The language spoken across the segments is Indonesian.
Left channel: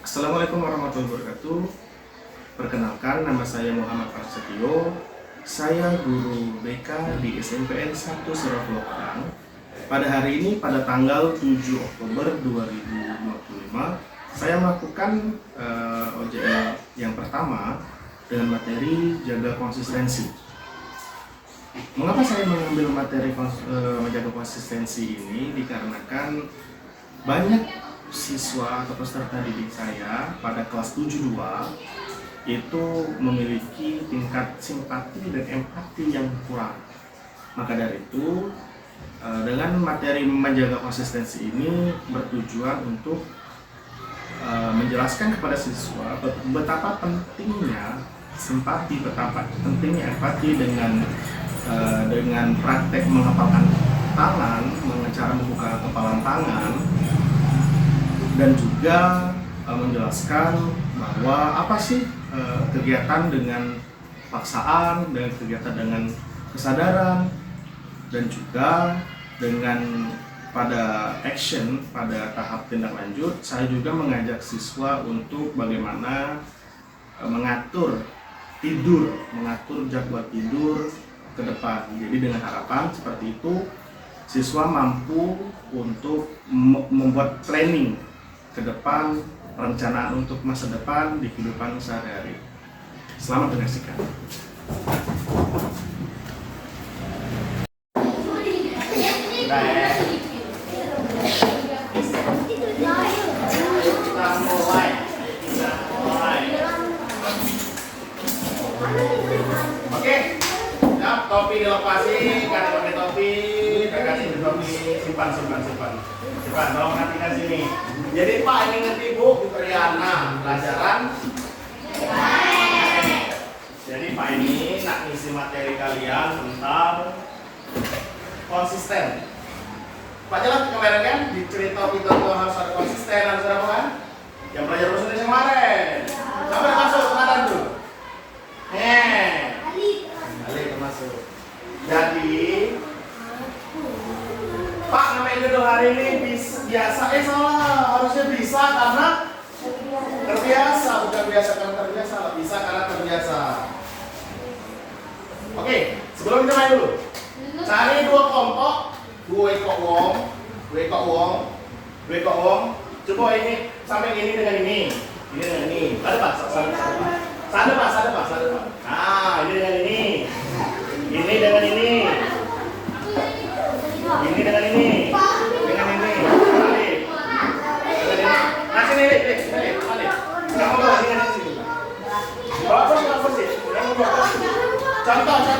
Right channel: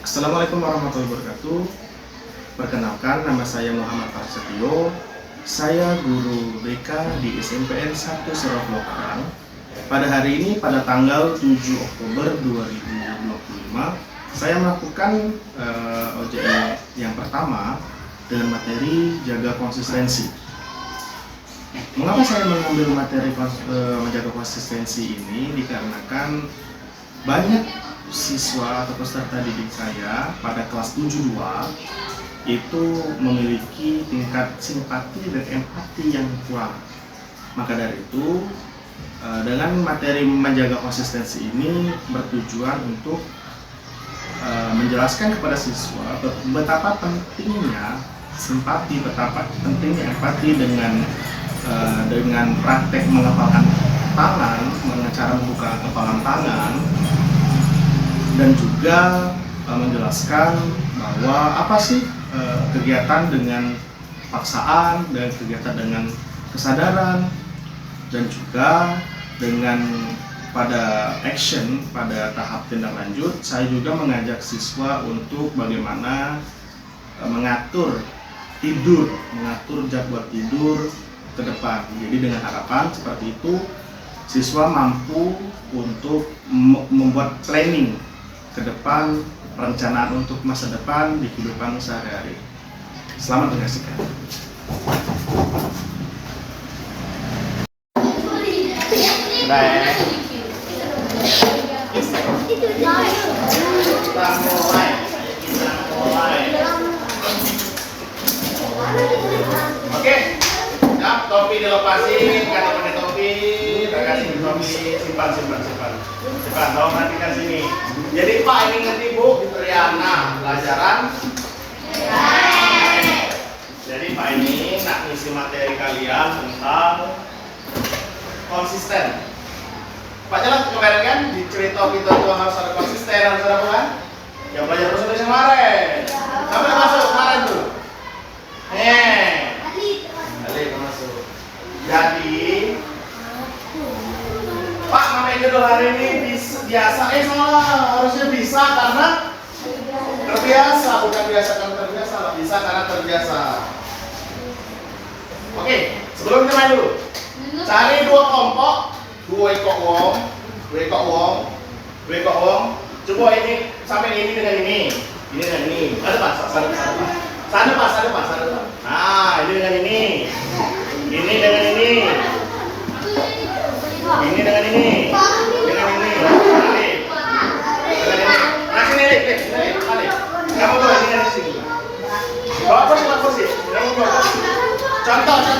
Assalamualaikum warahmatullahi wabarakatuh. Perkenalkan, nama saya Muhammad Prasetyo. Saya guru BK di SMPN 1 Serok Lokarang. Pada hari ini, pada tanggal 7 Oktober 2025, saya melakukan OJL yang pertama dengan materi jaga konsistensi. Mengapa saya mengambil materi menjaga konsistensi ini? Dikarenakan banyak siswa atau peserta didik saya pada kelas 72 itu memiliki tingkat simpati dan empati yang kurang. Maka dari itu, dengan materi menjaga konsistensi ini bertujuan untuk menjelaskan kepada siswa betapa pentingnya simpati, betapa pentingnya empati dengan praktek mengepalkan tangan, cara membuka kepalan tangan, dan juga menjelaskan bahwa apa sih kegiatan dengan paksaan dan kegiatan dengan kesadaran, dan juga dengan pada action, pada tahap tindak lanjut, saya juga mengajak siswa untuk bagaimana mengatur tidur, mengatur jadwal tidur ke depan. Jadi dengan harapan seperti itu, siswa mampu untuk membuat planning ke depan, perencanaan untuk masa depan di kehidupan sehari-hari. Selamat menyaksikan. Kita mulai. Oke, siap, topi dilepasin, ganti pakai topi, kasih topi, simpan, tolong perhatikan sini. Jadi Pak, ini ngerti Bu, Riana, pelajaran. Jadi Pak ini nak ngisi materi kalian tentang konsisten. Pak jelas kemarin kan di cerita kita tuh harus ada konsisten, harus ada apa kan? Yang belajar bahasa Indonesia kemarin. Sampai masuk kemarin tuh. Ali masuk. Jadi Pak, nama Idul hari ini biasa, salah, harusnya bisa karena terbiasa, bukan biasa karena terbiasa, bisa karena terbiasa. Oke, sebelum kita main dulu, cari dua kelompok, dua ekor wong. Coba ini sampai ini dengan ini dengan ini. Ada Pak, sana Pak. Nah, ini dengan ini dengan ini. Ini dengan ini. Balik. Kamu bawa ini dari sini. Bawa kursi. Kamu bawa kursi. Contoh ini.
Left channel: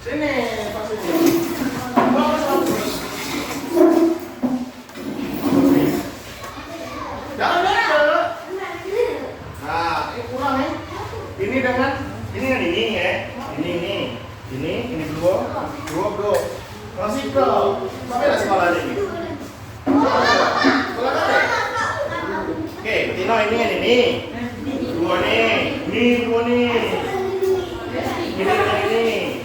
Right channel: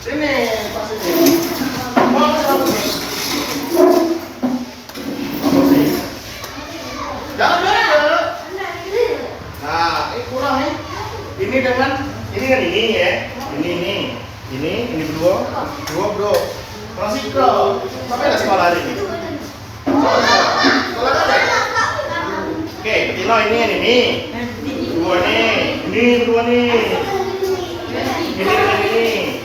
Sini, pas ini. Bawa kursi. Jangan. Nah, ini kurang nih. Ini dengan ini ya. Ini dua bro. Masih bro. Sampai ada sekolah hari ini. Oke, Tino ini. Dua nih. Ini dua nih. Ini dengan ini.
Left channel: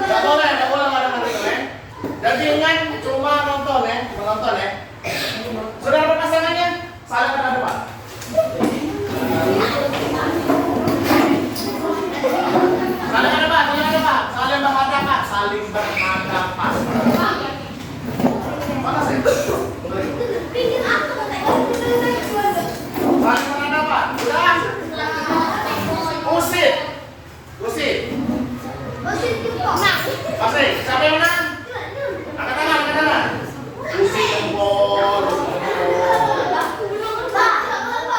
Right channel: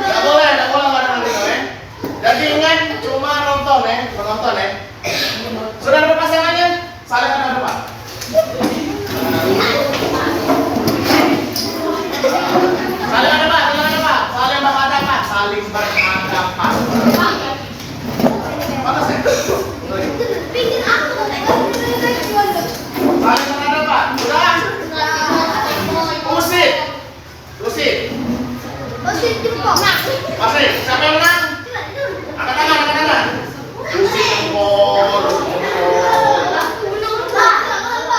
Nggak boleh nggak. Jadi ingat cuma menonton ya. Sudah dapat pasangannya? Saling menghadap. Saling berhadapan. Mana sih? Bikin aku saling berhadapan. Sudah? Usir jempol. Masih, siapa yang menang? Angkat tangan. Usir jempol.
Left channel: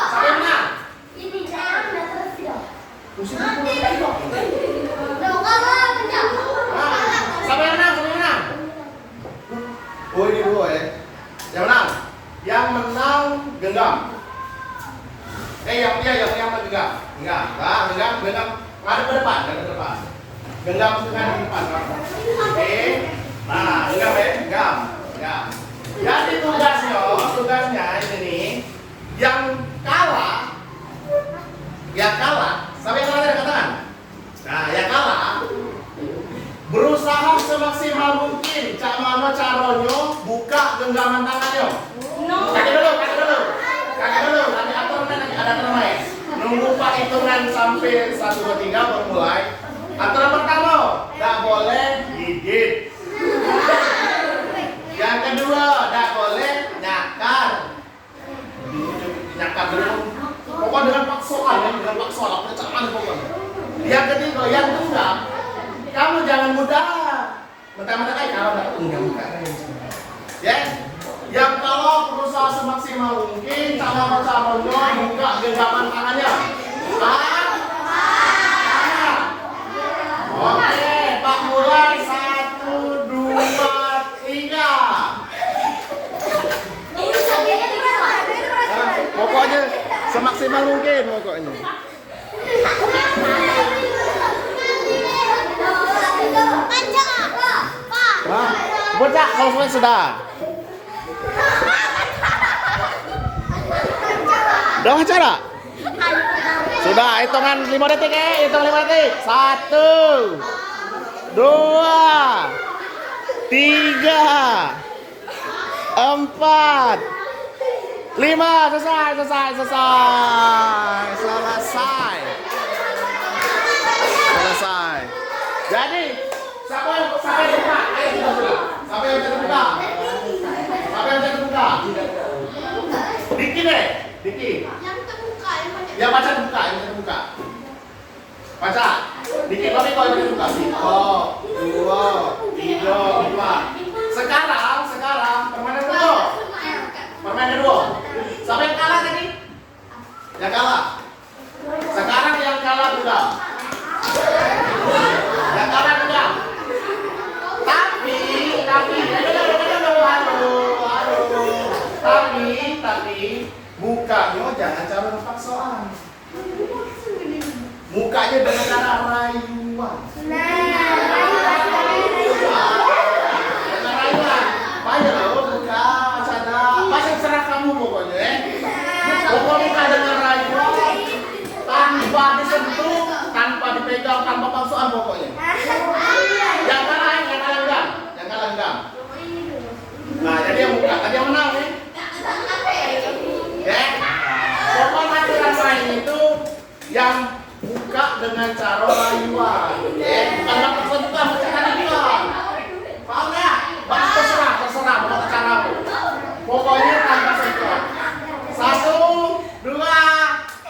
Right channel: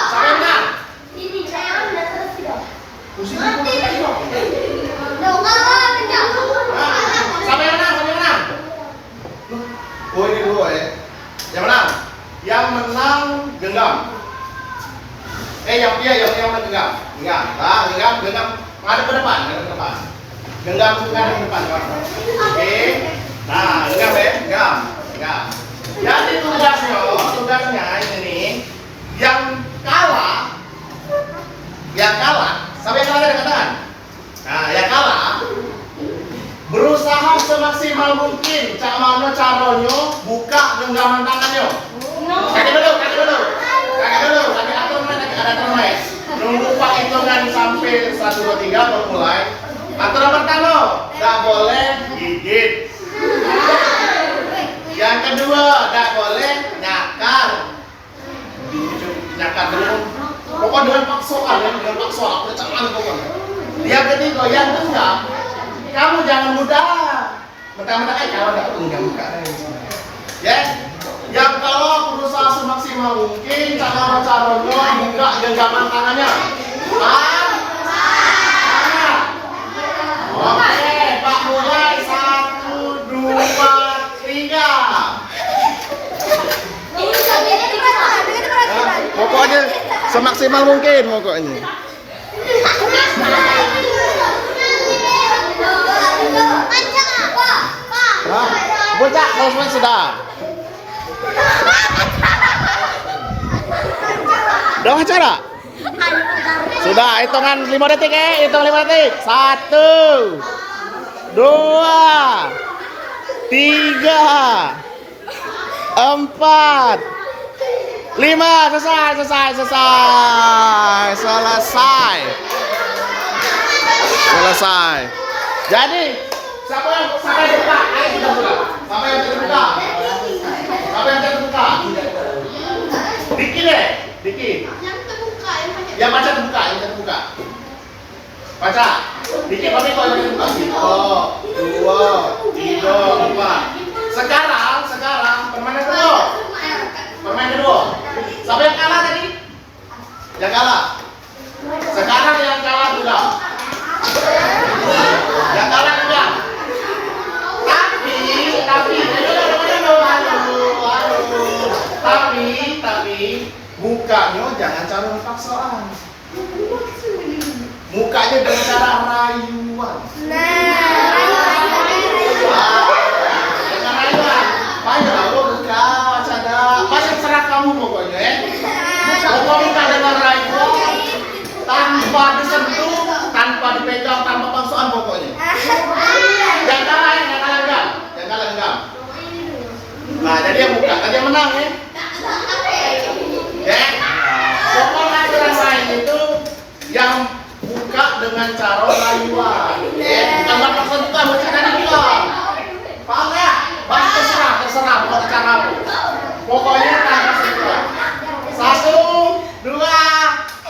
Siapa yang menang? Usir jempol. Oh, ini dulu ya. Yang menang genggam. Yang menang genggam. Genggam ngadep ke depan. Genggam ke depan. Oke. Nah, genggam. Jadi tugasnya ini yang kalah. Sampai yang kalah ada tangan. Nah, yang kalah berusaha semaksimal mungkin. Cak mana caranya buka genggaman tangannya. Kaki dulu. Kaki atur main. Nunggu Pak hitungan sampai 1, 2, 3 baru mulai. Aturan pertama, tidak boleh gigit. Yang kedua, tidak boleh nyakar. Nyakar dulu. Pokoknya dengan paksaan ya, apa caman pokoknya. Yang ketiga, yang keenam, kamu jangan mudah. Mentah-mentah kamu tidak enggak muka. Ya. Yang kalau berusaha semaksimal mungkin, cara-caranya buka genggaman tangannya. Oke, Pak mulai 1, 2, 3. Pokoknya semaksimal mungkin pokoknya. Bocah, selesai sudah. Udah acara? Sudah, hitungan 5 detik ya, hitung 5 detik. 1, 2, 3, 4, 5. Selesai. Jadi, siapa yang buka? Ayo kita buka. Siapa yang terbuka? Diki deh, Diki. Yang baca terbuka, Baca. Dikit tapi kalau yang dibuka 1, 2, 3, 4. Sekarang permainan kedua. Siapa yang kalah tadi? Yang kalah. Sekarang yang kalah juga. Yang kalah juga. Tapi mukanya jangan cara paksaan. Mukanya dengan cara rayuan. Banyak aku buka, ada banyak serah kamu pokoknya ya. Pokoknya buka dengan rayuan, tanpa disentuh, tanpa dipegang, tanpa paksaan pokoknya. Yang kalah enggak. Nah, jadi yang buka, tadi yang menang ya. Pokoknya aturan lain itu yang buka dengan cara rayuan. Bukan paksaan juga, macam tadi bilang. Paham ya? Terserah mau cara apa. Pokoknya tanpa sentuhan. 1, 2,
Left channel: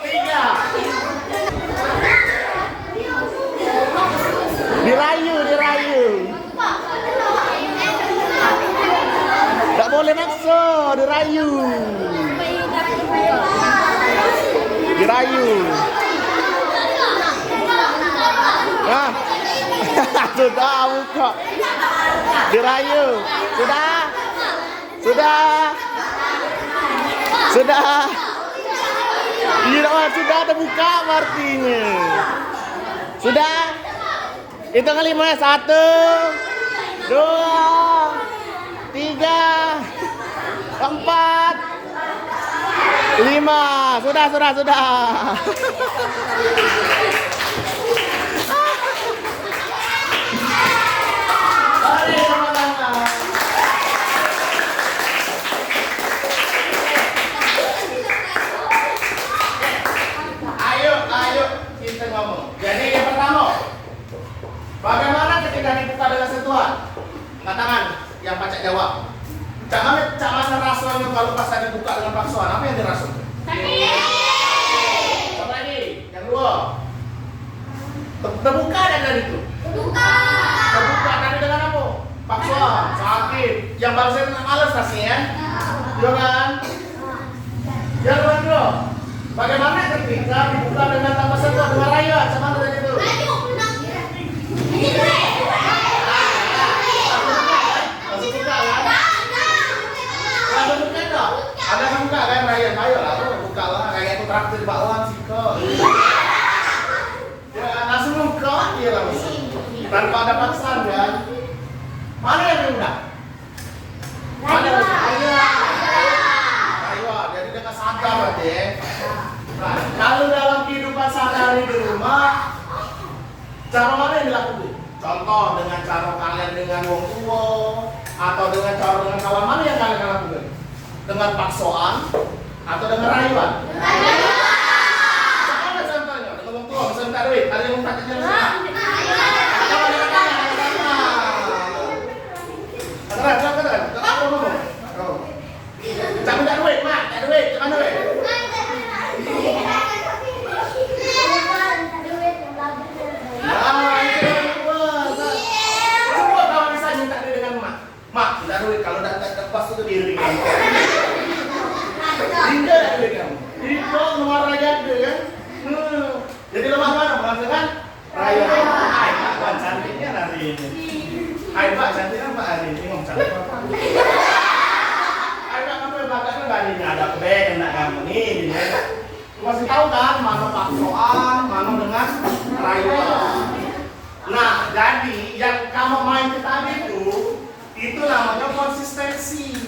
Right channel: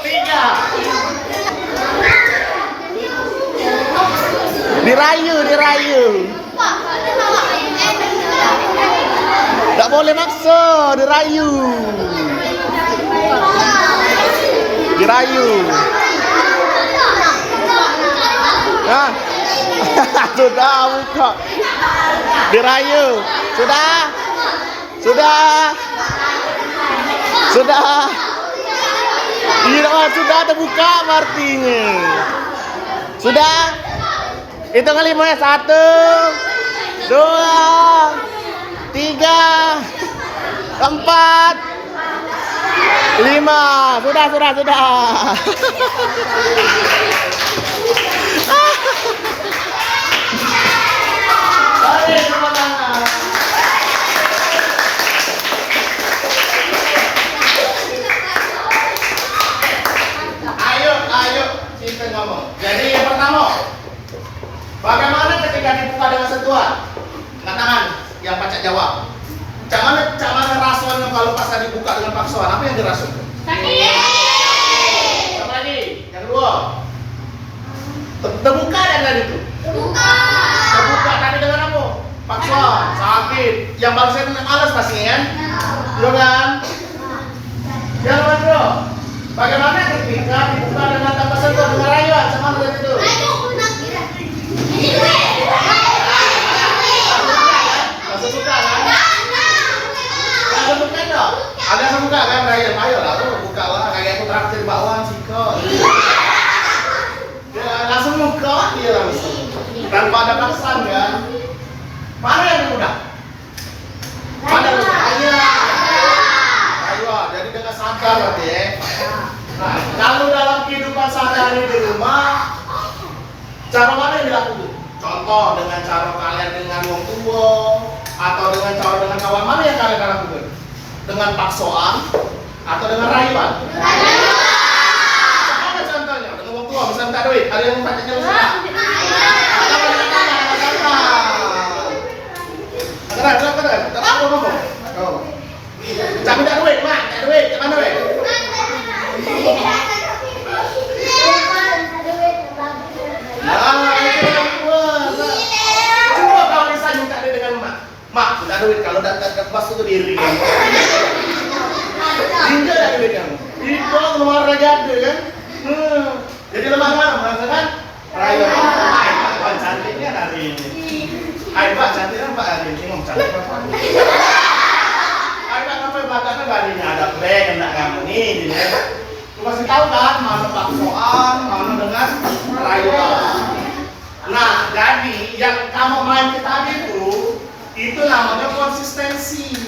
3. Dirayu. Tak boleh maksa, dirayu. Nah, sudah buka. Dirayu. Sudah. Iya, sudah terbuka artinya. Sudah. Hitung 5 ya. 1, 2, 3, 4, 5. Sudah. Ayo kita ngomong. Jadi yang pertama, bagaimana ketika dibuka dengan sentuhan? Angkat tangan yang pacak jawab. Cak mana rasanya kalau pas dibuka dengan paksaan? Apa yang dirasakan? Sakit. Sama lagi. Yang kedua. Terbuka dan tadi itu. Terbuka tadi dengan apa? Paksaan, sakit. Yang barusan alas kasih kan? Iya kan? Yang kedua. Bagaimana ketika dibuka dengan tanpa sentuhan dengan rayuan? Sama tadi itu. Agak buka kan rayuan, ayo lah, buka lah kayak aku traktir bakwan sih kok. Ya langsung buka dia langsung, tanpa ada paksaan kan. Mana yang mudah? Ayo, jadi dengan sadar berarti ya. Nah, kalau dalam kehidupan sehari-hari di rumah, dengan wong tua atau dengan kawan mana yang kalian lakukan? Dengan paksoan atau dengan rayuan? Apa contohnya? Dengan wong tua, misalnya minta duit, ada yang pacarnya Cak minta duit, mak, minta duit, cuman duit. Coba kalau misalnya minta duit dengan mak minta duit, kalau tidak pas itu diri kamu. Tidak ada duit kamu. Jadi kau keluar aja kan? Jadi lemah kan? Rayuan. Hai, Pak cantiknya hari ini. Hai, Pak cantiknya Pak hari ini mau cantik apa? Bahkan gak ada bag enggak kamu nih gitu. Lu pasti tahu kan mana paksoan, mana dengan rayuan. Nah, jadi yang kamu main ke tadi itu namanya konsistensi.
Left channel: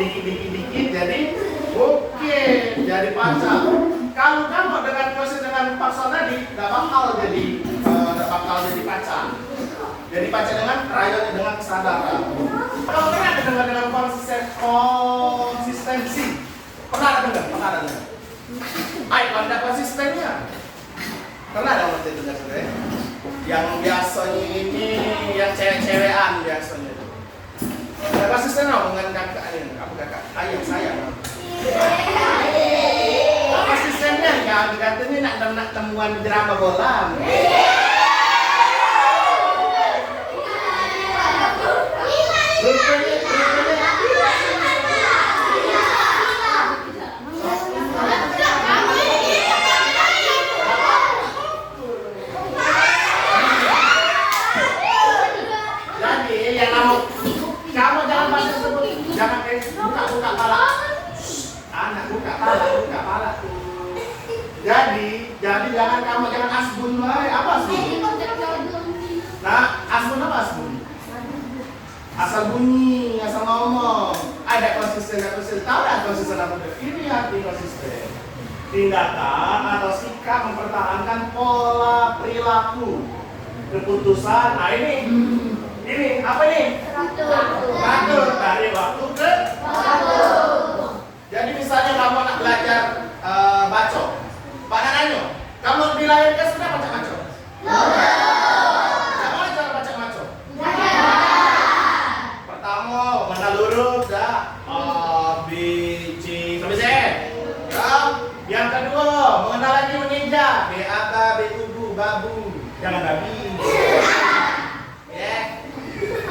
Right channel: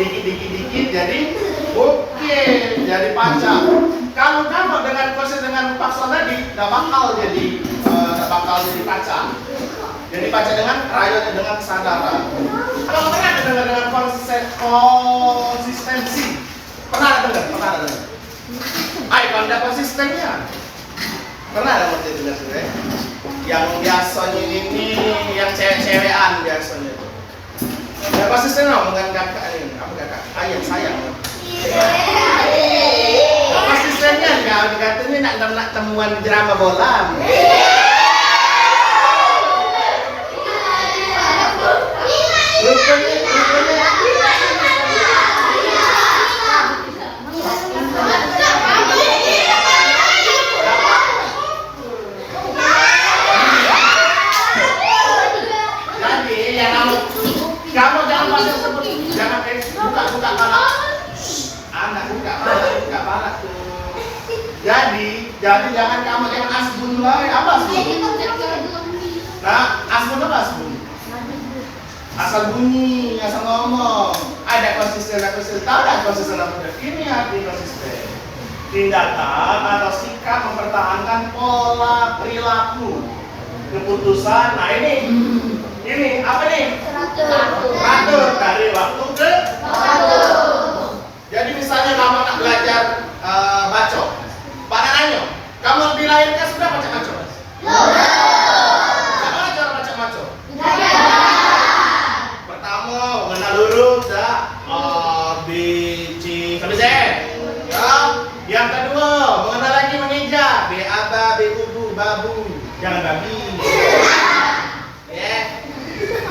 Dikit jadi oke, jadi pacar. Kalau kamu dengan proses dengan paksoan tadi, nggak bakal jadi pacar. Jadi pacar dengan rayuan dengan kesadaran. Kalau pernah ada dengar dengan konsistensi, pernah dengar? Ayo kalau ada konsistennya, pernah ada waktu itu dengar? Yang biasanya ini, yang cewek-cewekan biasanya itu. Ya konsisten dong dengan kakak ini, apa kakak? Ayah sayang. Konsistennya nggak katanya nak temuan jerama bola. Jadi yang kamu jangan pasang sebut, jangan buka kepala. Anak buka kepala tuh. Jadi jangan kamu jangan asbun lah, apa asbun? Nah, asbun apa asbun? Asal bunyi, asal ngomong. Ada konsisten. Tahu nggak konsisten apa? Ini arti konsisten. Tindakan atau sikap mempertahankan pola perilaku, keputusan. Nah ini apa nih? Teratur dari waktu ke waktu. Jadi misalnya kamu nak belajar baca, Pak Nanyo, kamu dilahirkan sudah baca baca? Bagaimana cara baca baca? Mengenal huruf B, C, sampai Z. Ya. Yang kedua, mengenal lagi mengeja. B, aba, B, ubu, babu. Jangan babi.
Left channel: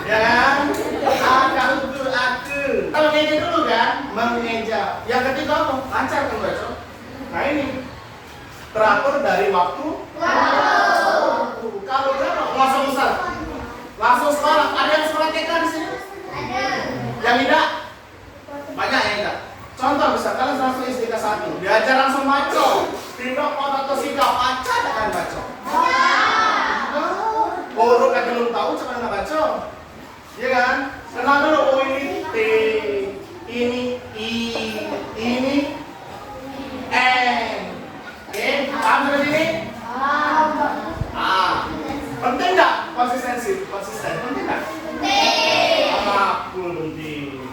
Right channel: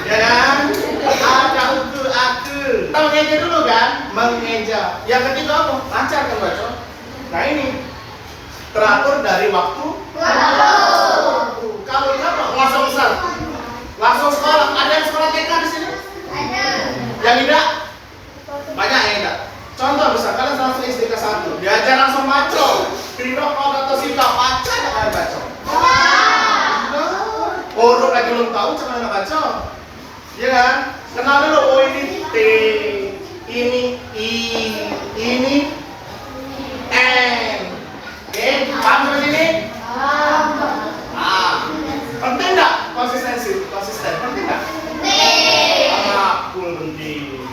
Ya kan? Ada uku, aku. Kita mengeja dulu kan? Mengeja. Yang ketiga apa? Lancar kan baca? Nah ini teratur dari waktu. Kalau kamu langsung besar, langsung sekolah. Ada yang sekolah TK di sini? Yang tidak? Banyak yang tidak. Contoh bisa kalian langsung SD ke 1 diajar langsung baca. Tidak mau atau sikap baca akan baca. Huruf lagi belum tahu cara nak baca. Iya kan? Kenal dulu, oh ini T, ini I, ini N. Oke, paham sampai sini? Penting enggak konsistensi? Konsisten penting enggak? Penting.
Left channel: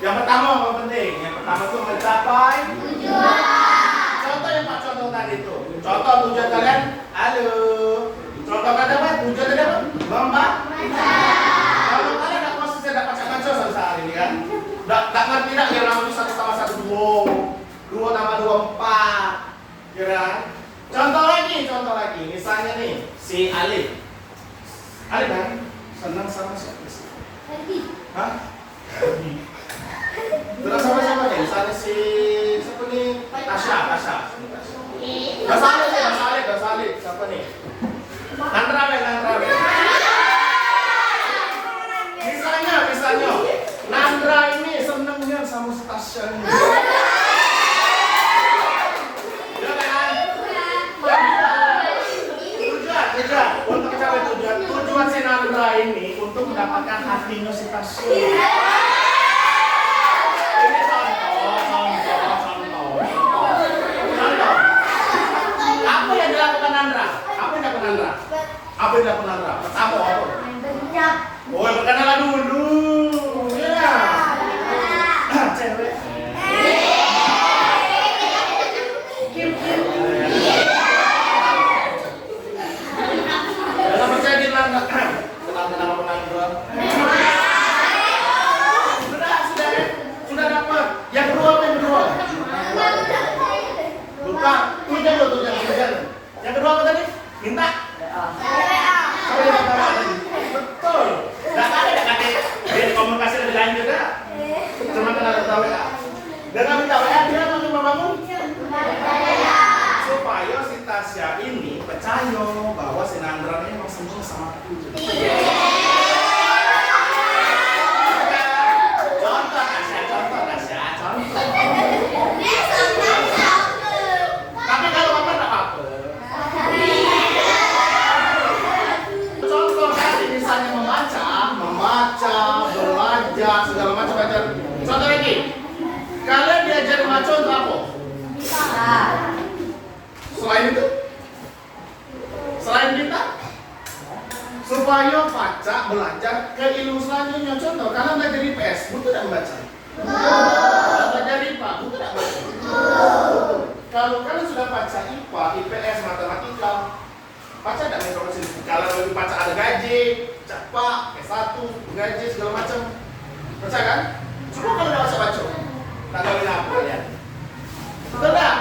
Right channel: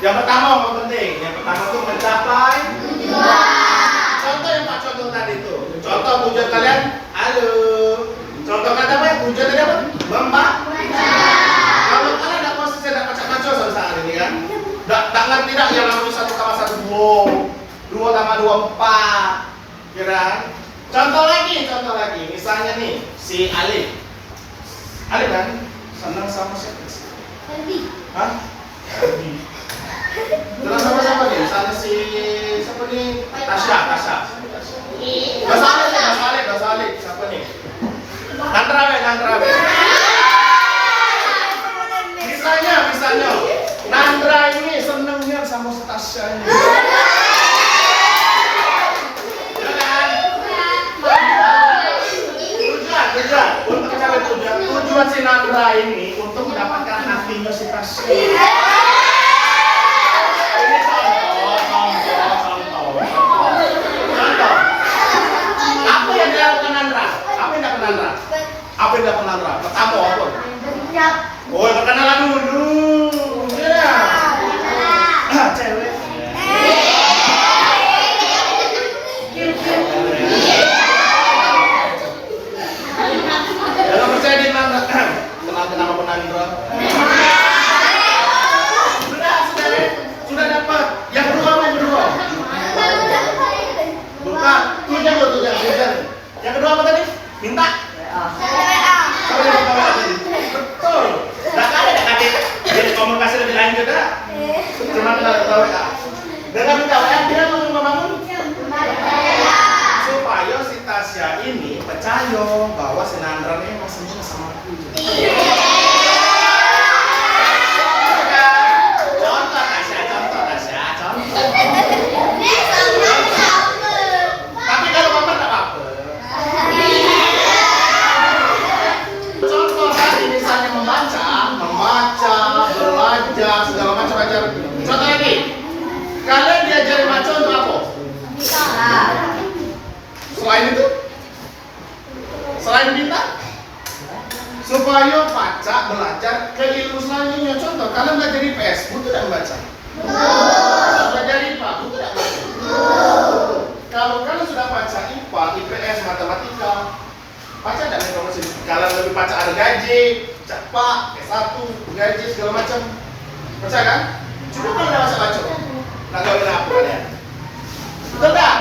Yang pertama apa penting? Yang pertama itu mencapai tujuan. Contoh yang Pak contoh tadi itu. Contoh tujuan kalian, halo. Contoh kata apa? Tujuan tadi apa? Membaca. Kalau kalian tidak konsisten tidak baca sampai saat ini kan? Tak ngerti tidak yang namanya 1 tambah 1 2 tambah 2 4. Ya kan? Contoh lagi. Misalnya nih si Alif. Alif kan? Senang sama siapa? Hah? Senang sama siapa nih? Misalnya si siapa nih? Tasya. Gak salib. Siapa nih? Nandrawe. Misalnya Nandra ini senangnya sama si Tasya ini. Ya kan? Tujuan si Nandra ini untuk mendapatkan hatinya si Tasya. Ini contoh. Apa yang dilakukan Nandra? Apa yang dilakukan Nandra? Pertama apa? Oh, perkenalan dulu. Ya. Cewek. Jangan percaya di Nandra. Kenal apa Nandra? Sudah dapat. Yang kedua apa yang kedua? Bukan. Tujuan. Yang kedua apa tadi? Minta. Betul. Enggak ada. Jadi komunikasi lebih lanjut dah. Cuma kita WA. Dengan minta WA dia mau membangun supaya si Tasya ini percaya bahwa si Nandra ini masih sama aku. Contoh Tasya. Tapi kalau bapak tak apa-apa. Contoh tadi misalnya membaca, belajar, segala macam ajar. Contoh lagi, kalian diajari baca untuk apa? Selain itu? Selain kita? Supaya baca, belajar ke ilmu selanjutnya. Contoh, kalian belajar IPS, butuh dan baca. Belajar IPA, butuh dan baca. Kalau kalian sudah baca IPA, IPS, matematika, baca dan informasi. Kalian lebih baca ada gaji, cepat, S1, gaji segala macam. Baca kan? Cuma kalau udah baca, nggak tahu apa kalian. Betul tak?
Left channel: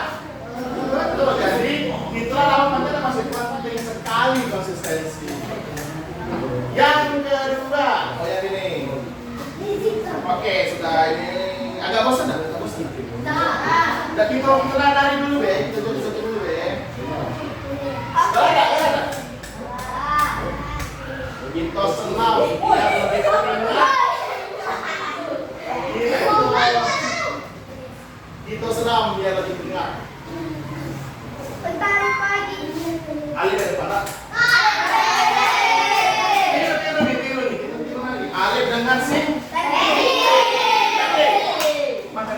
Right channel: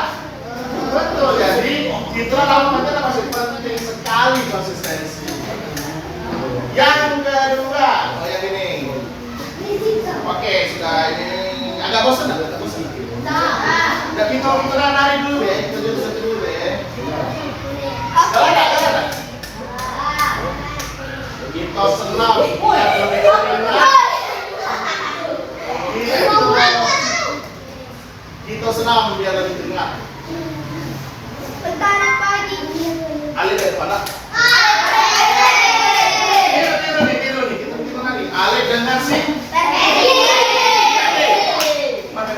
Betul. Jadi itulah namanya masih penting sekali konsistensi. Yang kedua, kayak ini. Oke, sudah ini agak bosan, agak bosan. Udah kita dari dulu deh, kita dulu deh. Gak ada. Kita senam. Kita senam biar lebih teringat. Bentar pagi. Alih dari mana? Tiru nih. Kita nari. Alih dengan si. Mana?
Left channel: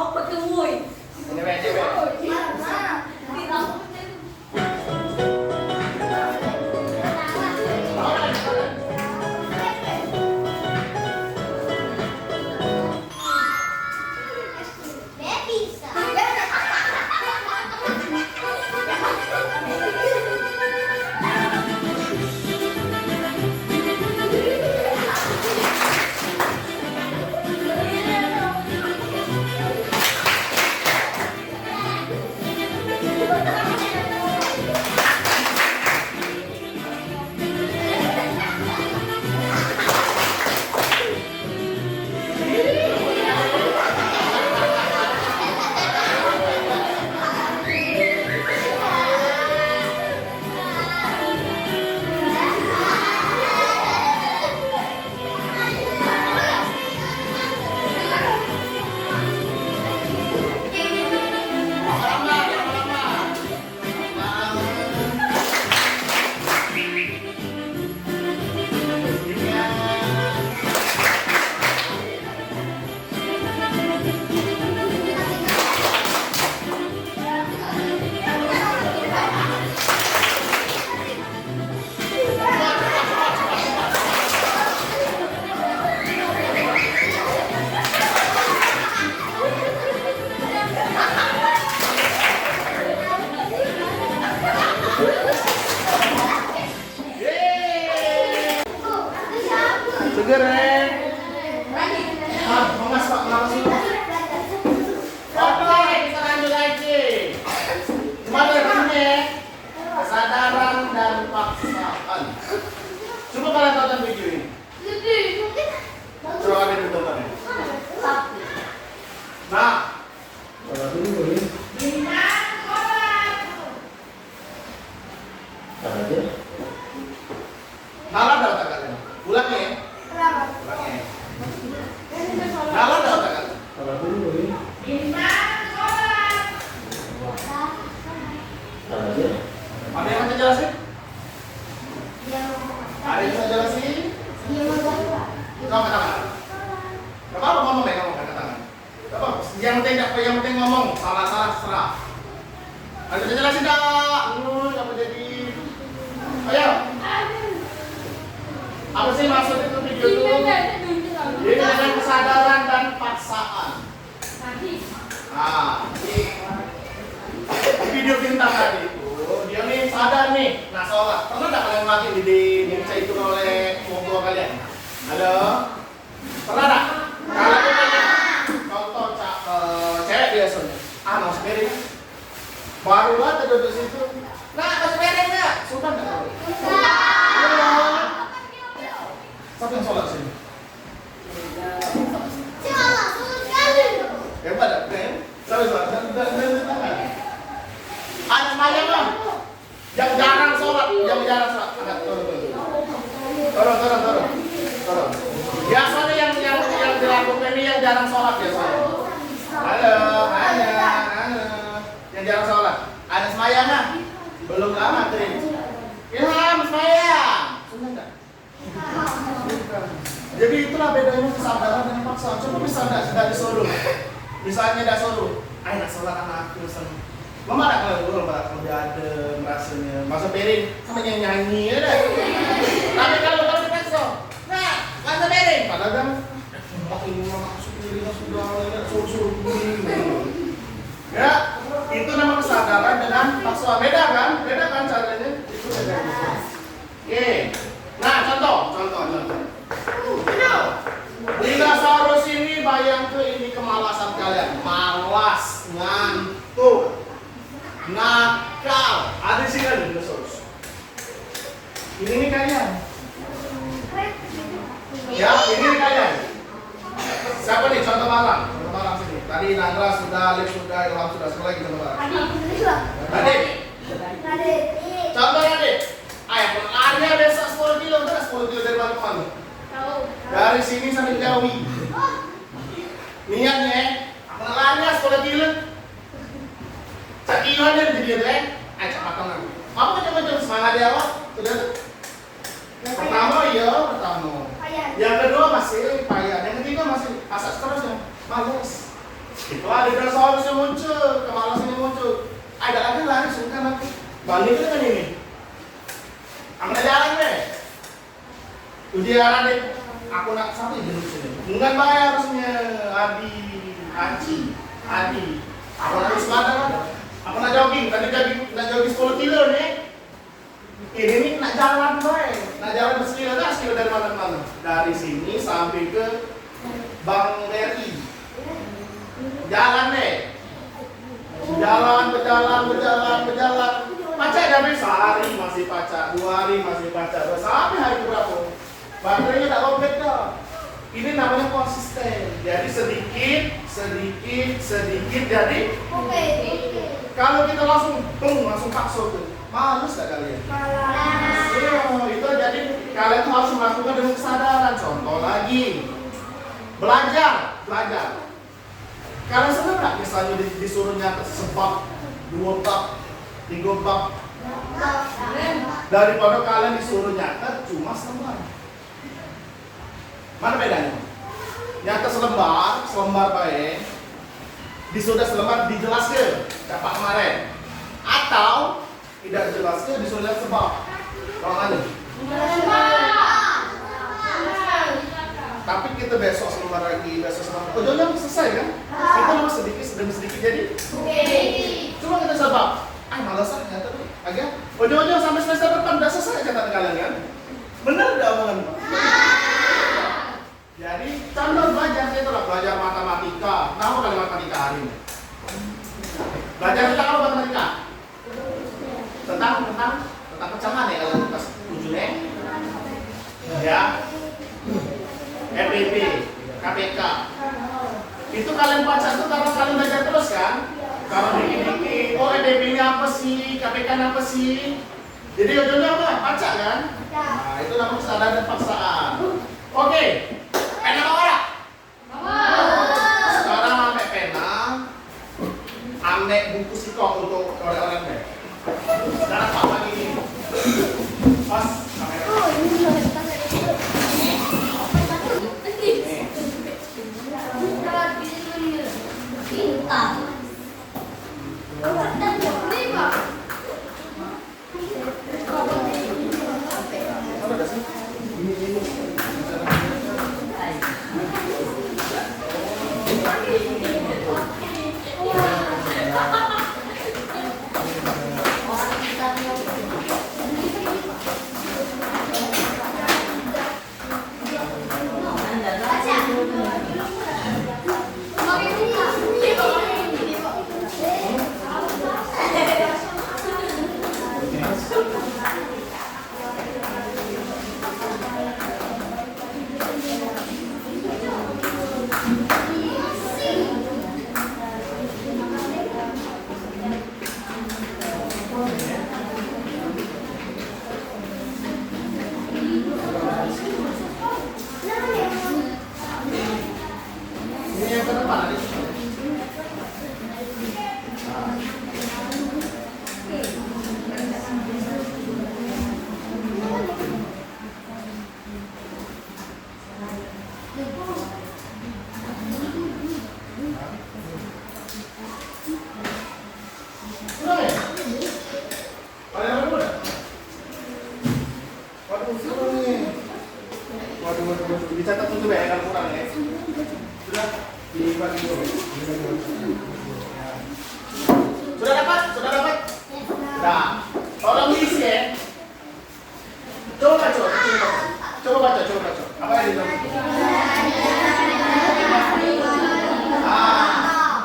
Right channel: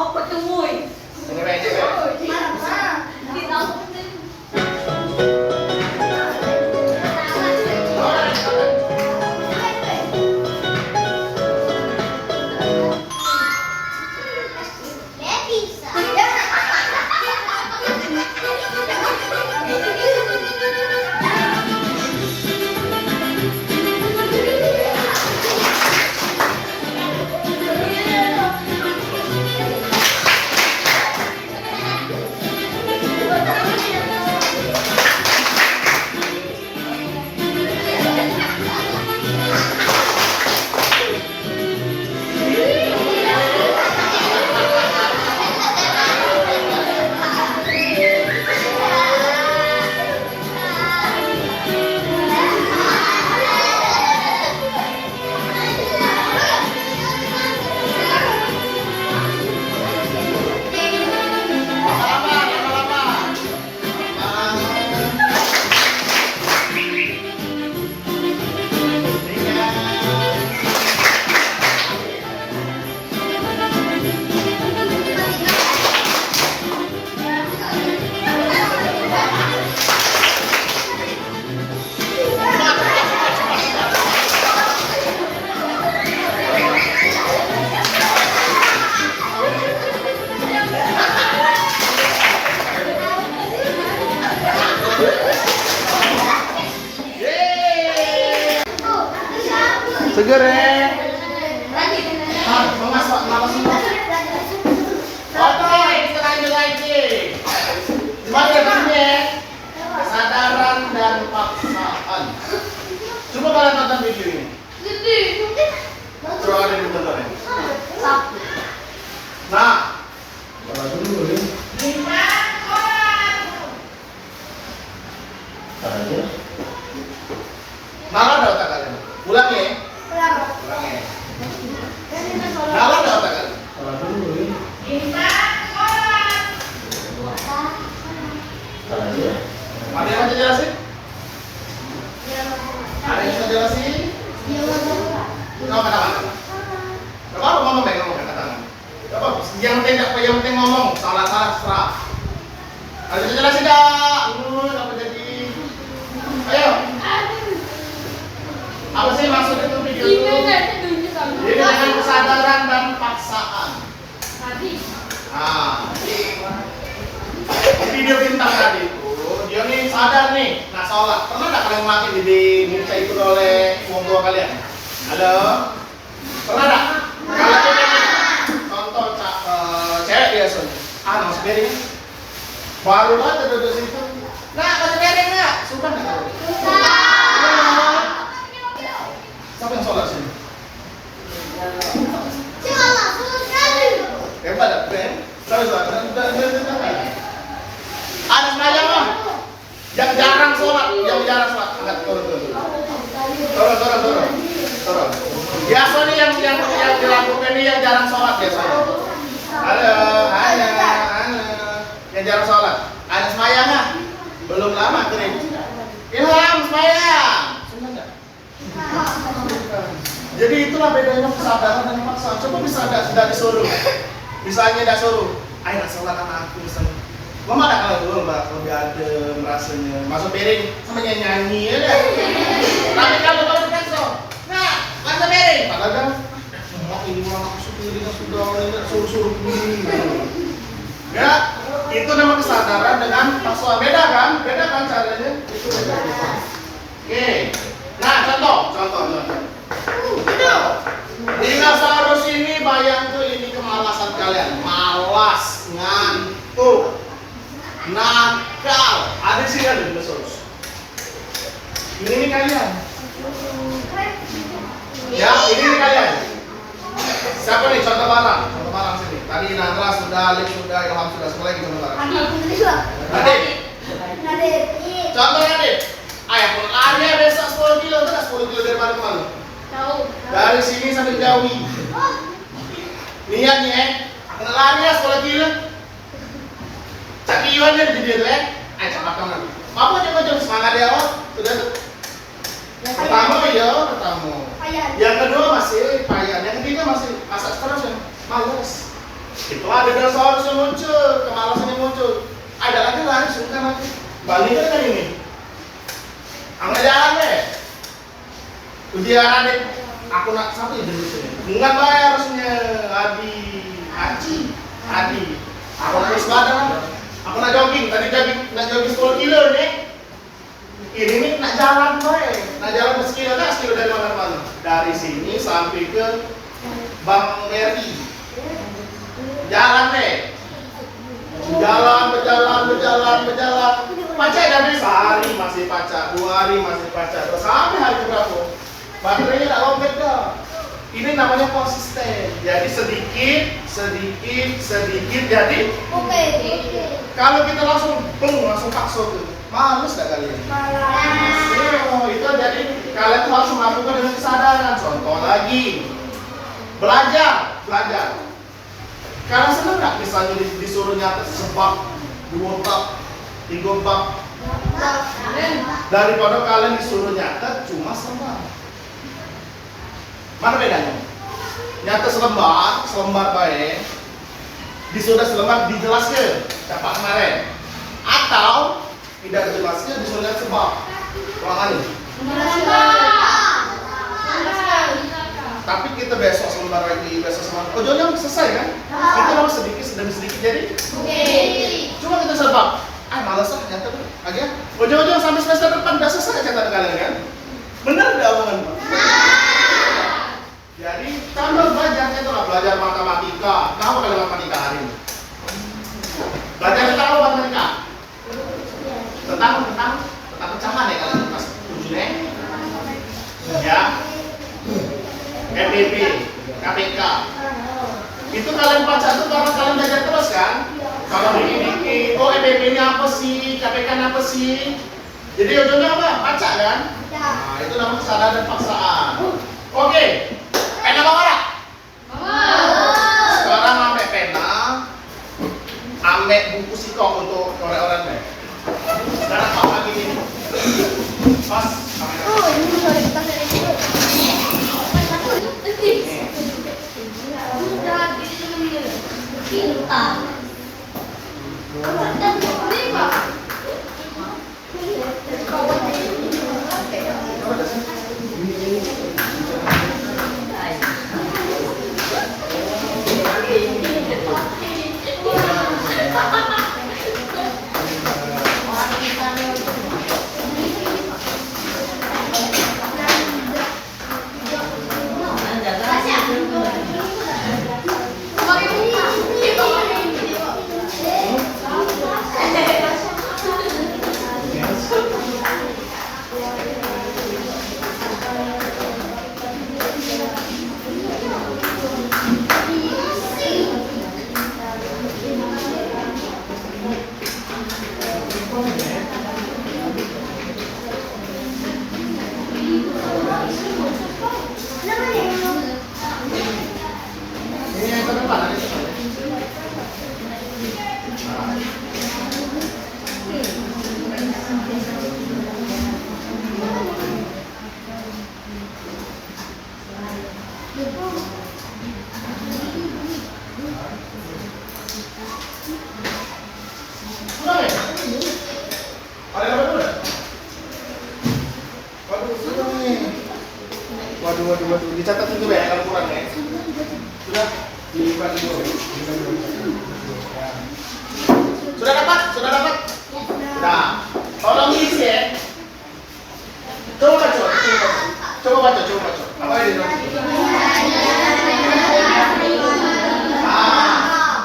Apa tuh, Woy? Ini aja, Ada yang mau jelasin? Ada yang mau jelasin? Kenapa? Gak apa-apa ngomong deh, ngomong angkat tangan. Gak apa-apa. Yang penting ngomong, salah serah. Ada yang jelasin dah? Apa jadi? Ayo. Apa sih maksud itu video itu? Jadi dengan kesadaran dan paksaan. Nah, di video bintang tadi itu dia nih sadar nih, nah sholat. Pernah nggak kalian mati diminta itu oleh orang tua kalian? Halo? Pernah nggak? Kalau kita contoh cewek biasanya, masih piring. Baru banget duduk situ. Nah, masih piring nggak? Sudah nggak? Siapa yang sholat sini? Hebat ya, friend? Siapa sholat? Anak Maya mah yang jarang sholat, angkat turun. Biasanya yang dilakukan ini yang jarang sholat biasanya. Halo. Yang jarang sholat. Ada Maya mah belum lama kirim. Ilham Maya. Jadi itulah bedanya kesadaran dan paksaan. Coba misalnya sudah disuruh, misalnya dah suruh, ayo sholat anakku misalnya. Mama ada kalau dulu mbak lebih adem rasanya, masuk piring sama nyanyi ya deh. Tapi kalau dipaksa, nah masuk piring, padahal kan, ini orang masuk piring sudah suruh ya, itu nama kesadaran dengan paksaan. Beda kan caranya? Itu beda gitu. Oke, nah contoh. Dinosaurus ini bayangkan ini kemalasan kalian, malas, ngantuk, nakal. Ada sih kan dinosaurus. Ini nih kalian. Ya, ini nih kalian. Siapa nih contoh barang sini. Tadi Nadra sudah, Alif sudah, Ilham sudah, sekali lagi contoh barang. Nadif. Contoh Nadif. Ayah pun lari besok 10 kilo, terus 10 kilo dari mana ke mana? Dari sini sampai Jawi. Niatnya, aku nak lari 10 kilo. Cak kiloan dia jadi tu ayo cepat kan. Apa macam semangat dia awak? Sudah tu. Pertama. Yang kedua masih payah, yang ketiga masih masak terus yang malas. Itu ada dinosaurus yang muncul, kemalasan yang muncul. Ada lagi lari sungkan lagi. Bandingkan kan ini. Angkat jalan deh. Ujian deh. Aku nak satu ya dulu sini. Bukan bayar harusnya Adi. Aku harus badan. Aku nak jogging. Tadi nak jogging 10 kilo nih. Ini nih nak jalan nak jalan sekilo dari mana ke mana? Dari sini sampai ke Bank BRI. Jalan deh. Berjalan. Pacak dari sehari masih pacak, 2 hari masih pacak, sampai hari berapa? Baterainya tak lobet dah. Ini namanya konsisten. Jadi sedikit jadi. Oke. Kalau kita langsung paksa tuh, males gak kalian? Itu jadi kalian tuh harus melakukan dengan kesadaran. Contoh lagi, belajar. Kalian senang nggak misalnya disuruh nyatet sebab 2 bab, 3 bab, daripada kalian disuruh nyatet cuma selembar? Mana bedanya? Nyatet selembar baik, disuruh selembar dijelaskan dapat kemarin, atau tidak dijelaskan disuruh nyatet sebab. Orang ini. Tapi kita besok selembar lagi, ujungnya selesai kan? Kita nama sedikit demi sedikit jadi. Cuma kita sebab, malas nyatet lagi. Ujung-ujung sampai semester depan udah selesai catatan kalian kan? Benar tidak omongan Pak? Jadi contoh belajarnya itulah belajar matematika. Tahu kalian matematika hari ini? Belajar tentang apa matematika? Tentang pecahan ya kalian pas ujungnya. Ya. FBB, KPK. Itu kalian baca tuh karena kalian belajar terus kan? Kalau dikit-dikit, FBB-nya apa sih? KPK-nya apa sih? Jadi ujungnya apa? Baca kan? Nah, itu namanya kesadaran dan paksaan. Oke. Pena mau ora? Sekarang ambil pena, ambil buku sikok untuk orang-orang deh. Sekarang kau lagi ini. Pas kamera. Waduh, dicatat dulu ya, kalau kurang ya. Sudah dibagi dulu. Sudah dapat? Sudah dapat? Nah, tolong isi ya. Coba baca. Apa yang di dalam?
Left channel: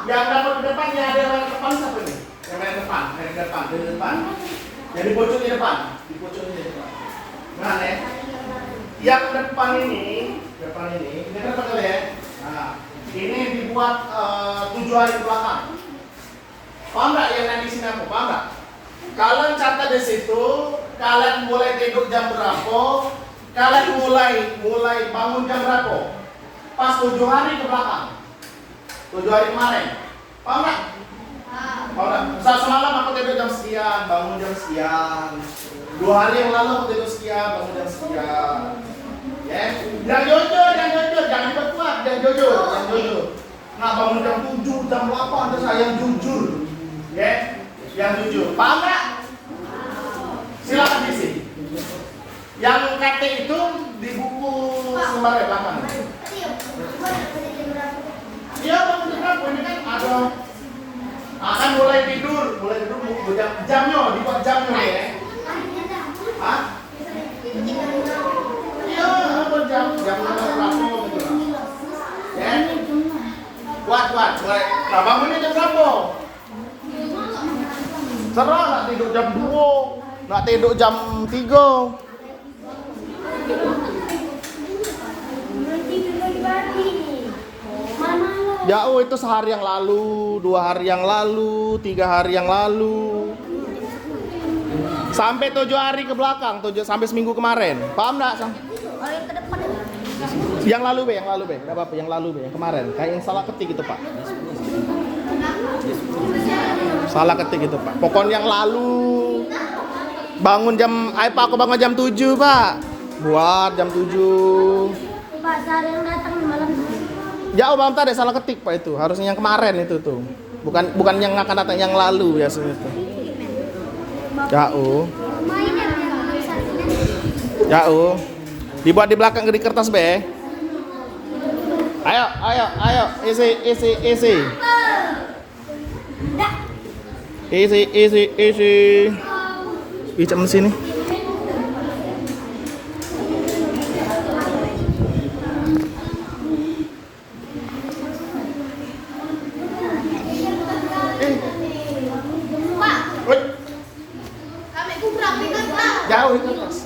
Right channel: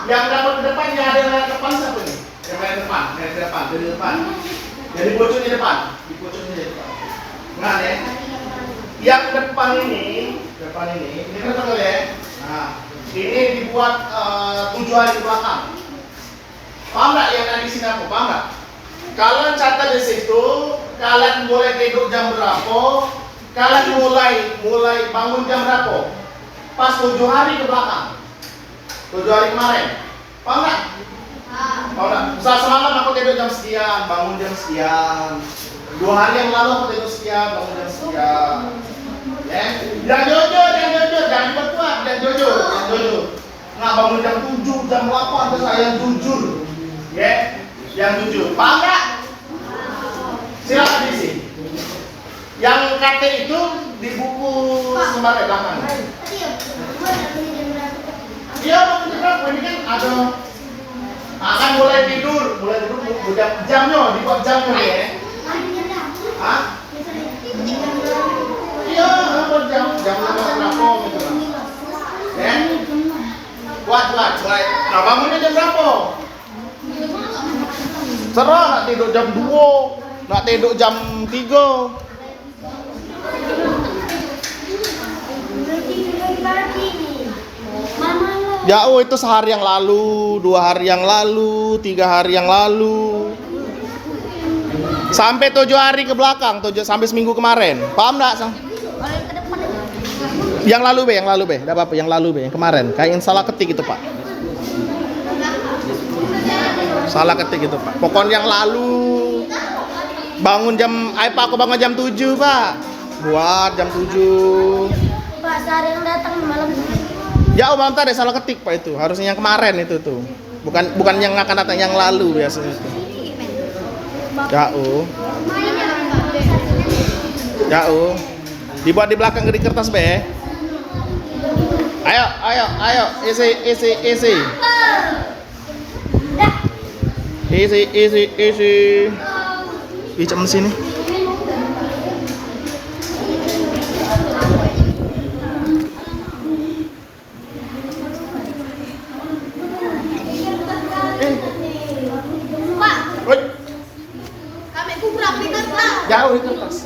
Yang dapat ke depannya ada yang depan satu nih. Yang paling depan, dari depan. Jadi pojok di depan, di depan. Nah ya. Yang depan ini kan betul ya. Nah, ini dibuat 7 hari ke belakang. Paham nggak yang ada di sini aku? Paham nggak? Kalian catat di situ, kalian mulai tidur jam berapa? Kalian mulai bangun jam berapa? Pas 7 hari ke belakang. 7 hari kemarin. Paham nggak? Paham nggak? Misal semalam aku tidur jam sekian, bangun jam sekian. 2 hari yang lalu aku tidur sekian, bangun jam sekian. Ya, jangan jujur, jangan dibuat, jangan jujur. Nggak bangun jam 7, jam 8, terus saya yang jujur. Ya, yang jujur. Paham nggak? Silakan diisi. Yang KT itu di buku sembari belakang. Iya, bangun jam berapa? Ini kan ada. Akan mulai tidur jamnya, dibuat jamnya ya. Hah? Iya, jam berapa gitu lah. Ya. Buat mulai. Nah, bangunnya jam berapa? Serah nak tidur jam 2, nak tidur jam 3. Ya, itu sehari yang lalu, 2 hari yang lalu, 3 hari yang lalu. Sampai 7 hari ke belakang, sampai seminggu kemarin. Paham enggak, Sang? Yang lalu be, enggak apa-apa, yang lalu be, yang kemarin. Kayak yang salah ketik itu, Pak. Salah ketik itu, Pak. Pokoknya yang lalu. Bangun jam, Pak, aku bangun jam 7, Pak. Buat jam 7. Pak, sehari yang datang malam. Ya, malam tadi salah ketik, Pak, itu. Harusnya yang kemarin itu tuh. Bukan yang akan datang, yang lalu biasanya itu. Jauh. Dibuat di belakang di kertas be. Ayo, isi. Isi sini. Jauh di kertas.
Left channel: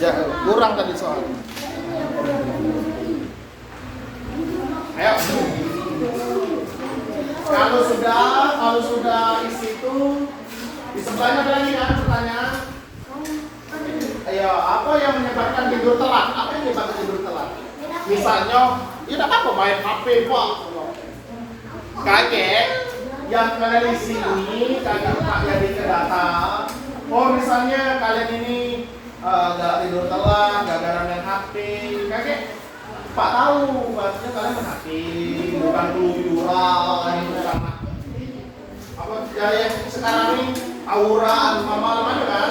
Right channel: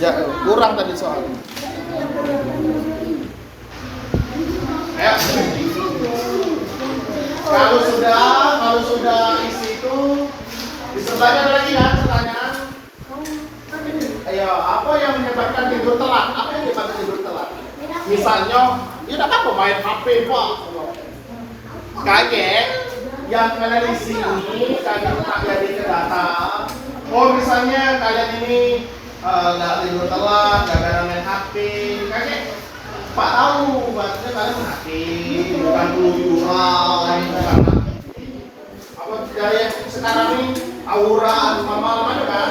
Jauh, kurang tadi soalnya. Ayo. Kalau sudah isi itu di sebelahnya ada lagi ya pertanyaan. Ayo, apa yang menyebabkan tidur telat? Apa yang menyebabkan tidur telat? Misalnya, tidak apa-apa main HP, Pak. Kaget. yang kalian di sini kalian tak jadi datang. Oh misalnya kalian ini nggak tidur telat, gara-gara main HP, kakek Pak tahu, maksudnya kalian main HP, bukan keluyuran, bukan apa gaya sekarang ini aura malam-malam ada kan?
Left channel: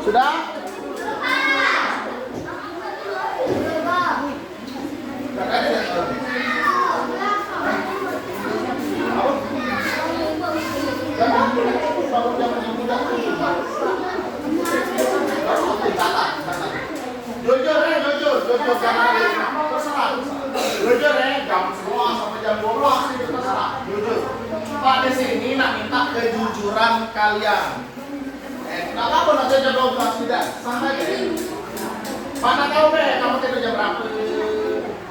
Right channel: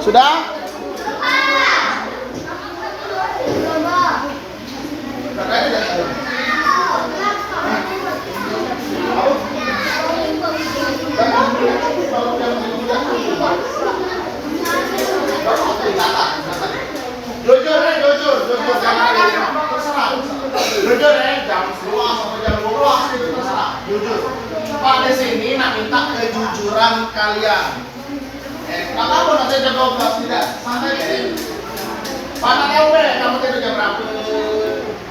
Sudah? Jujur ya, jam 10 sampai jam 12 itu terserah. Jujur. Pak di sini nak minta kejujuran kalian. Kenapa nanti jam 12 tidak? Santai deh. Pak tak tahu deh kamu tidur jam berapa.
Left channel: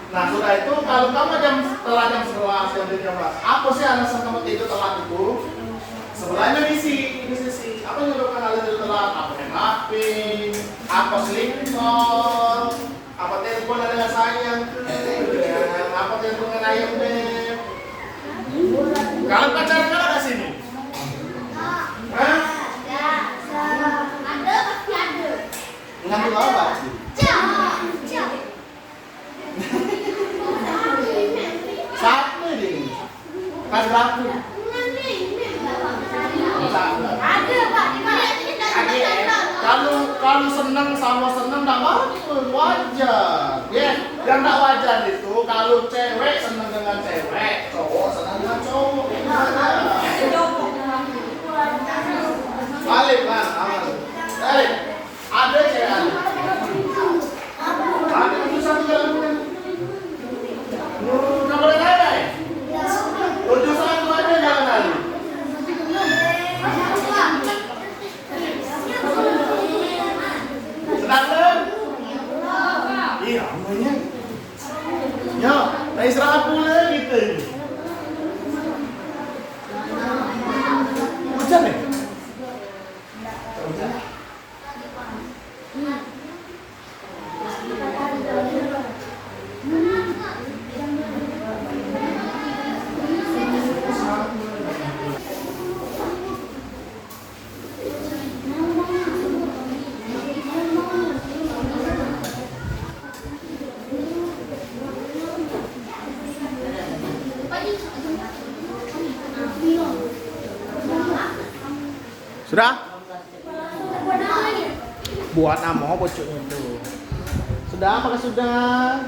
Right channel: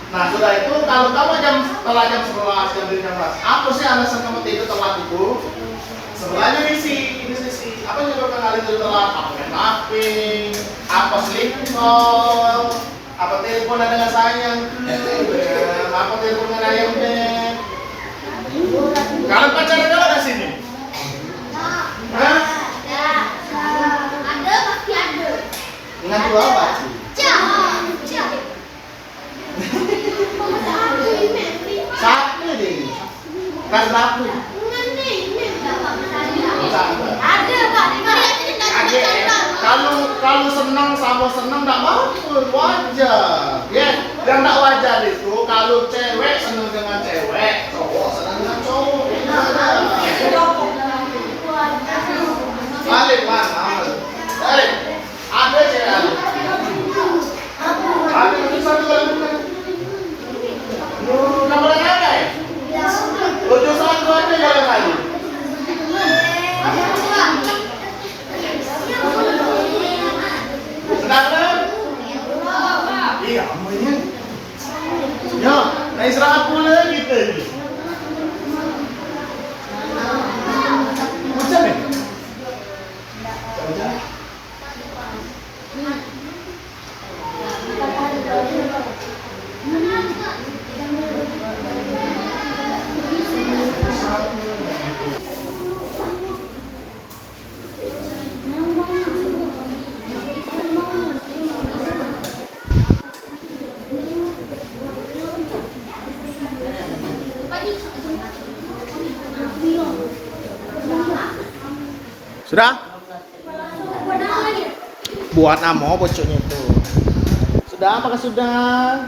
Nah sudah itu kalau kamu setelah jam 11, jam 12, apa sih alasan kamu tidur telat itu? Sebelahnya misi, apa yang menyebabkan kalian tidur telat? Apa main HP? Apa sleep call? Apa telepon dengan sayang? Apa telepon dengan ayamnya? Kalian pacaran kalau ada sini? Hah? Dengan dua apa? Satu deh. Kasih aku. Kalau senang sama senang tidak mau wajar. Ya, yang tidak wajar itu kalau cewek senang dengan cewek, cowok senang dengan cowok. Balik balik. Ada cewek. Ada bisa juga. Nomor apa? Utusan tuh ada jalan kali. Iya, namanya. Ya, kayak istirahat pula gitu. Hujan nih? Hujan? Sudah? Buat nama bocoknya itu. Sudah? Apakah sudah?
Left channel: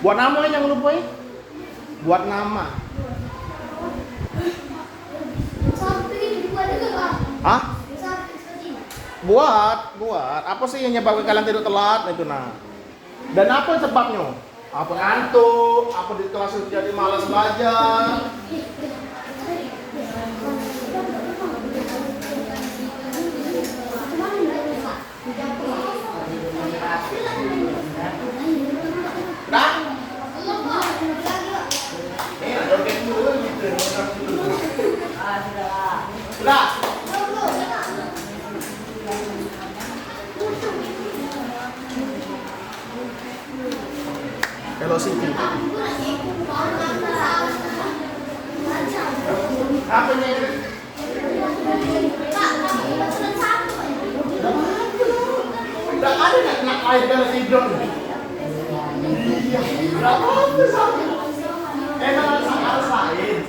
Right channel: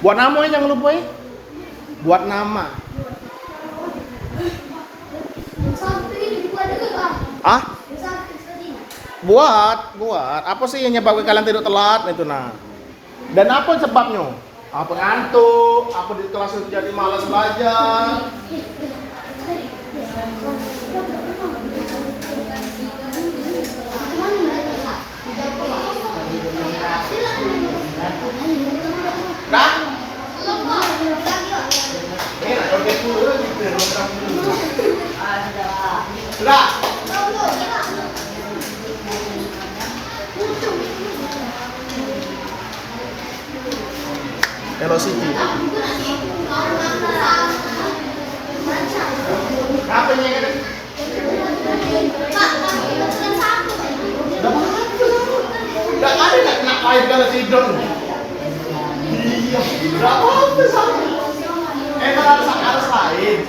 Buat nama yang lupa ya? Buat nama. Hah? Buat. Apa sih yang nyebabkan kalian tidur telat itu nah? Dan apa sebabnya? Apa ngantuk? Apa di kelas jadi malas belajar? Nah, sudah. Velocity. Apa yang ini? Udah ada nggak kena air kalau tidur? Iya, berapa besar? Harus lain.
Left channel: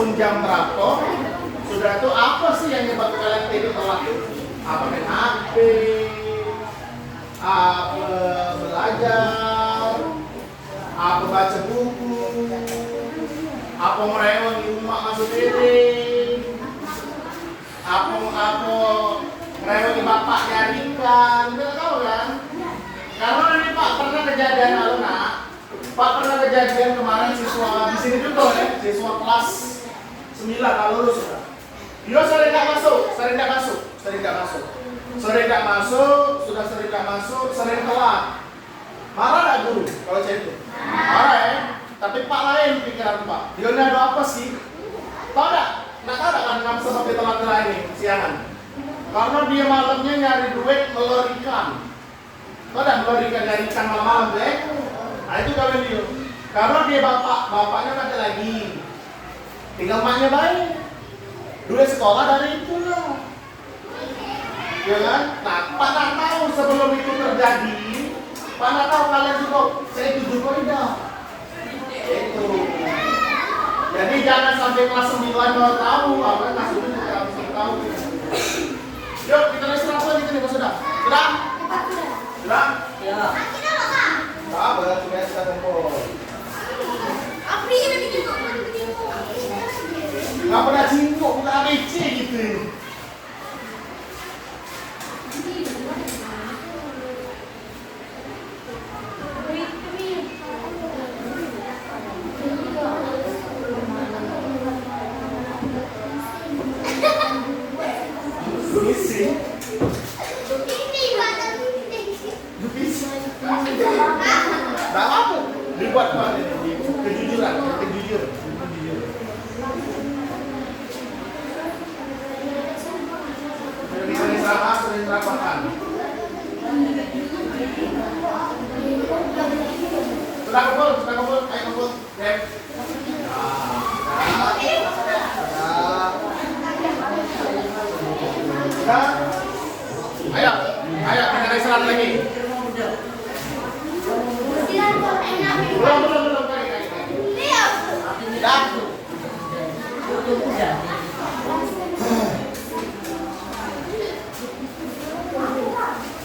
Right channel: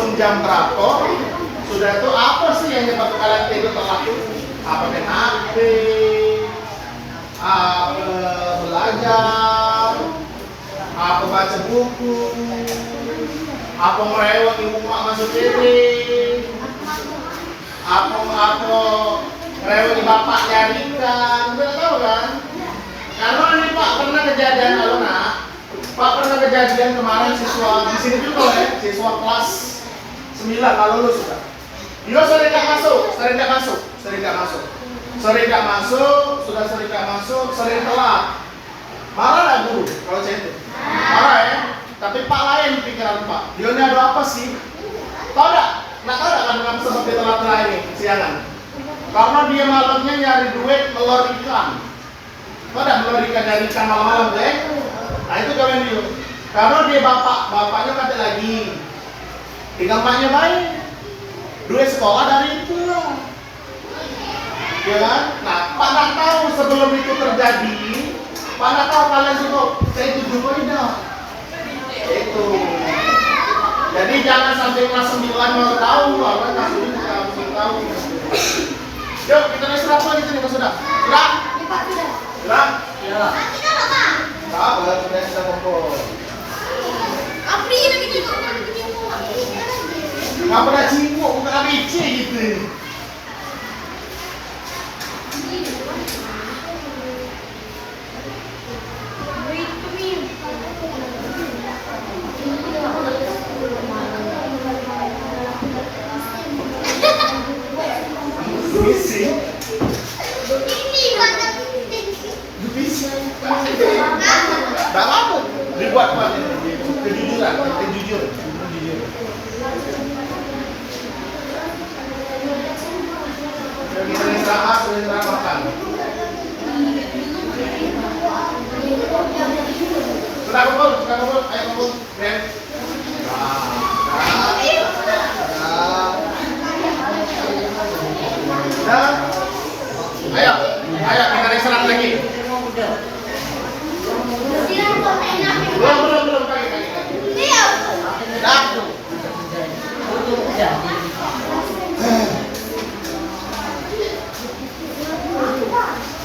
bangun jam berapa, sudah itu apa sih yang nyebabkan kalian tidur telat? Apa main HP, apa belajar, apa baca buku, apa merewang ibu mak masuk piring, apa merewang bapak nyarikan, udah tahu kan? Karena ini Pak pernah kejadian Pak pernah kejadian kemarin siswa di sini juga ya, siswa kelas 9 kalau lulus sudah. Dia sering nggak masuk, sering telat. Marah nggak guru kalau saya itu? Marah ya. Tapi Pak lain pikiran Pak. Dia ini ada apa sih? Tahu nggak? Nggak tahu nggak kan sebab dia telat ini siangan? Karena dia malamnya nyari duit telur ikan. Tahu nggak telur ikan nyari ikan malam-malam deh? Nah itu kawan dia. Karena dia bapaknya kata lagi. Tinggal maknya baik. Duit sekolah dari itu lah. Ya kan? Nah, Pak nggak tahu sebelum itu terjadi. Pak nggak tahu kalian juga saya itu juga tidak. Itu. Jadi jangan sampai kelas 9 baru tahu, orang kelas 7 juga harus tahu. Yuk kita istirahat lagi sini sudah. Sudah? Sudah? Ya. Sabar, sudah kita kumpul. Apri ini begitu. Nggak pernah cinggung, bukan ABC gitu. Misi. Tak apa, dibuat kejujuran, jujur. Kita makan. Sudah kumpul, ayo kumpul. Ayo kita istirahat lagi. Belum kaki.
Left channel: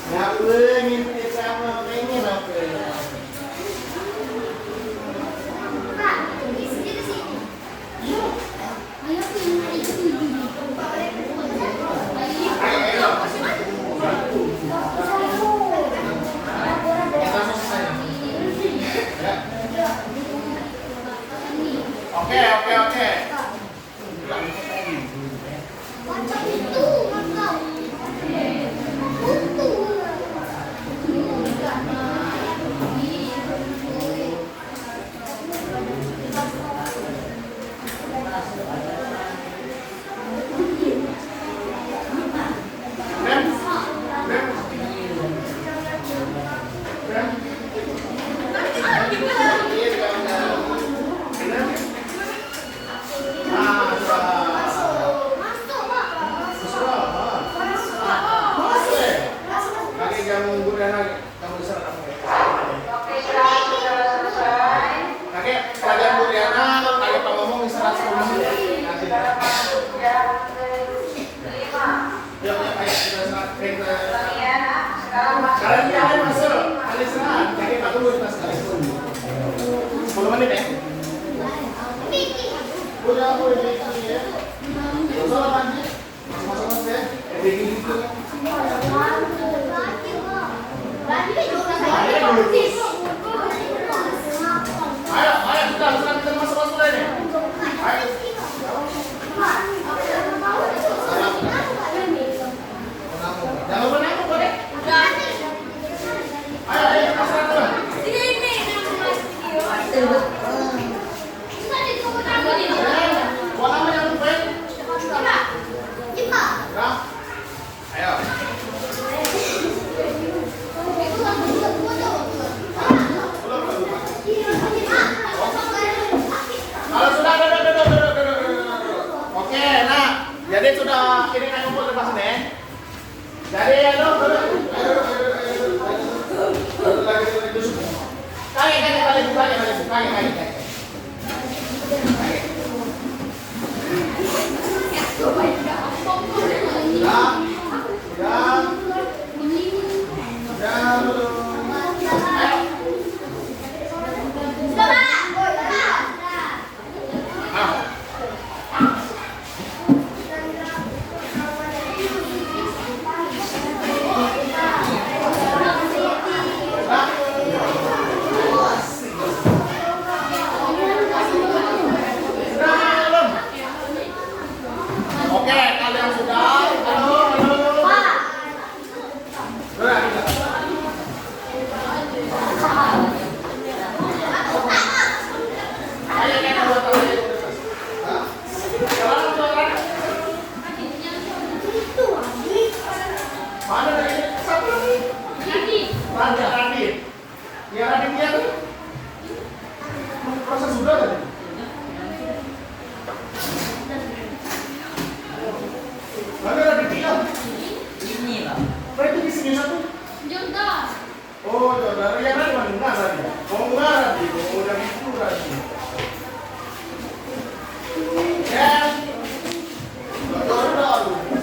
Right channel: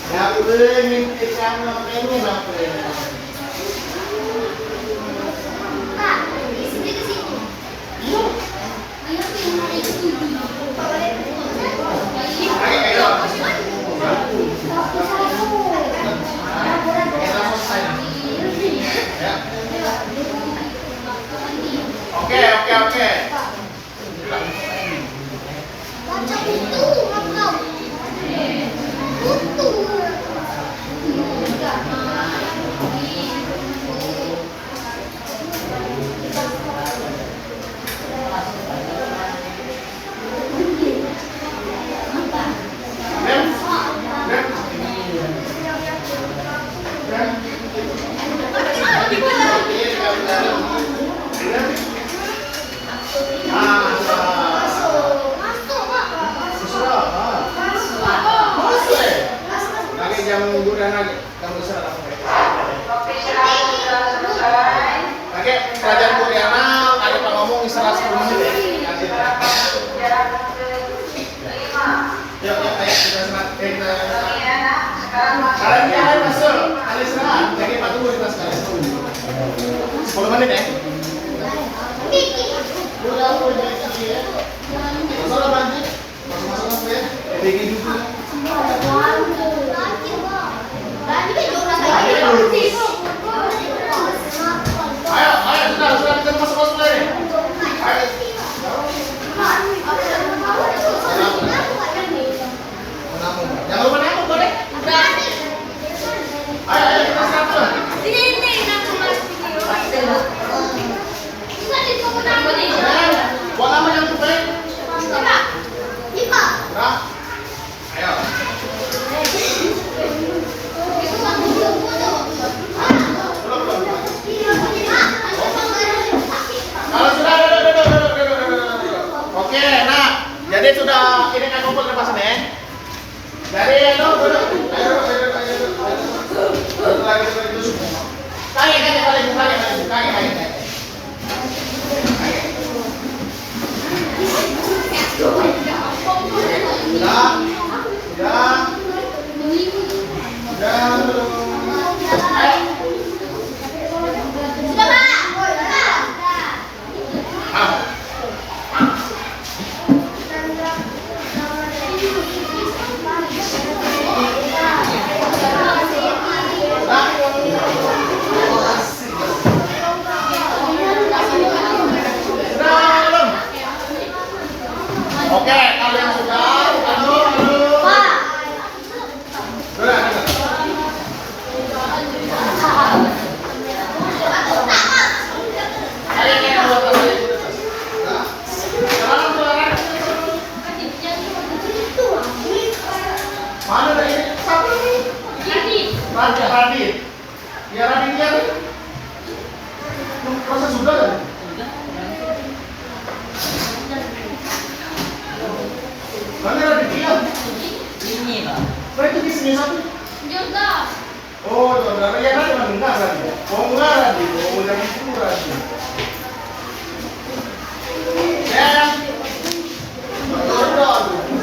Dapet mimpi sana pengen dapet. Oke. Pelajaran Koreana, kali Pak ngomong istirahat 10 menit ya. Yuk, ayo kita istirahat. Kalian yang masuk, kali istirahat. Jadi Pak tunggu kita sekali. 10 menit ya. Udah aku udah ya. Masalah banjir. Masuk ya. Bikin dulu. Ayo, sudah kita masuk lagi. Ayo. Jangan lupa nangkep, boleh? Ayo kita start. Sini video. Buang apa yang tuh, Pak? Lima. Ayo. Kalau sudah, oke, nah, jadi sudah ini kan kumpul lepas ini. Jadi ayo duduk. Kaki. Sudah? Sudah? Sudah belum? Ah. Oke, kalian sudah? Halo, halo. Sudah, sudah. Ayo, kita buat apa? Sekarang, sekarang. Mana tadi? Satu ini. Radit. Ya, Radit dia. Proses sudah tadi? Mana Radit dia? Ini lah. Oh, itu di sini satu. Jodoh. Oh, saudara, ya kan memang enggak Radit. Mau enggak Radit? Mau yang itu Radit. Ya.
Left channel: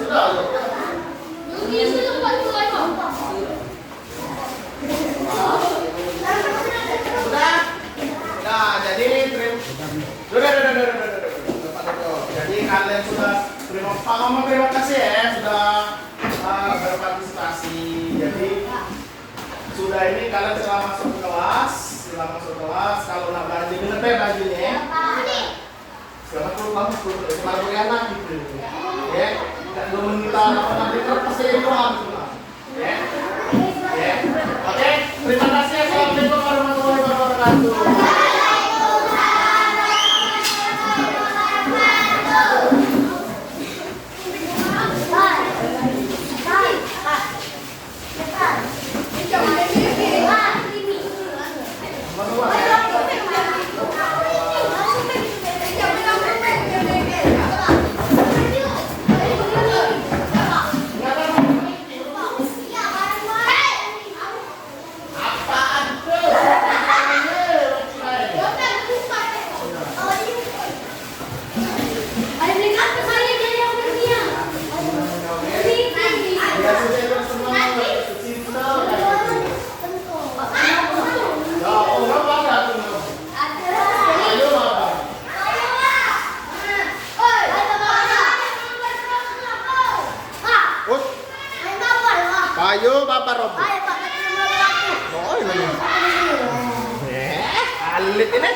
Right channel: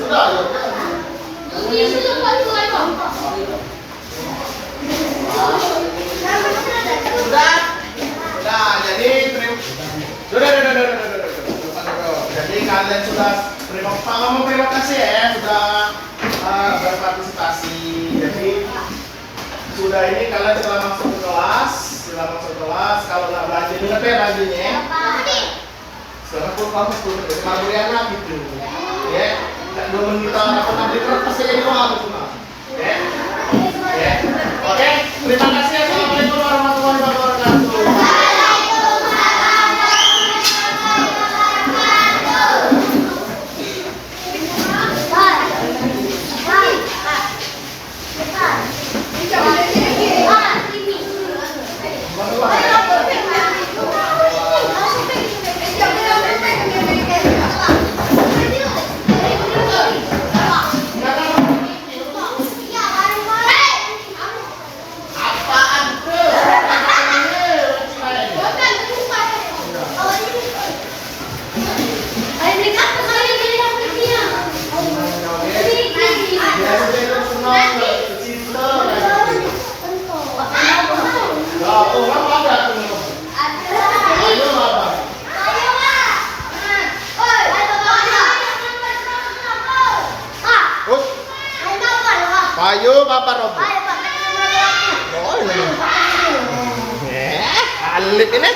Sudah. Ini sudah mulai bapak. Sudah. Nah, jadi sudah. Jadi kalian sudah terima kasih ya sudah berpartisipasi. Jadi sudah ini kalian telah masuk ke kelas. Kalau nggak rajin ingat ya rajinnya ya. Sekarang pun kamu sudah kemaluan gitu. Ya, belum kita rapat di kertas saya doang gitu. Ya. Ya. Oke, terima kasih. Assalamualaikum warahmatullahi wabarakatuh. Payo Papa Robo. Oh, ini. Alit ini.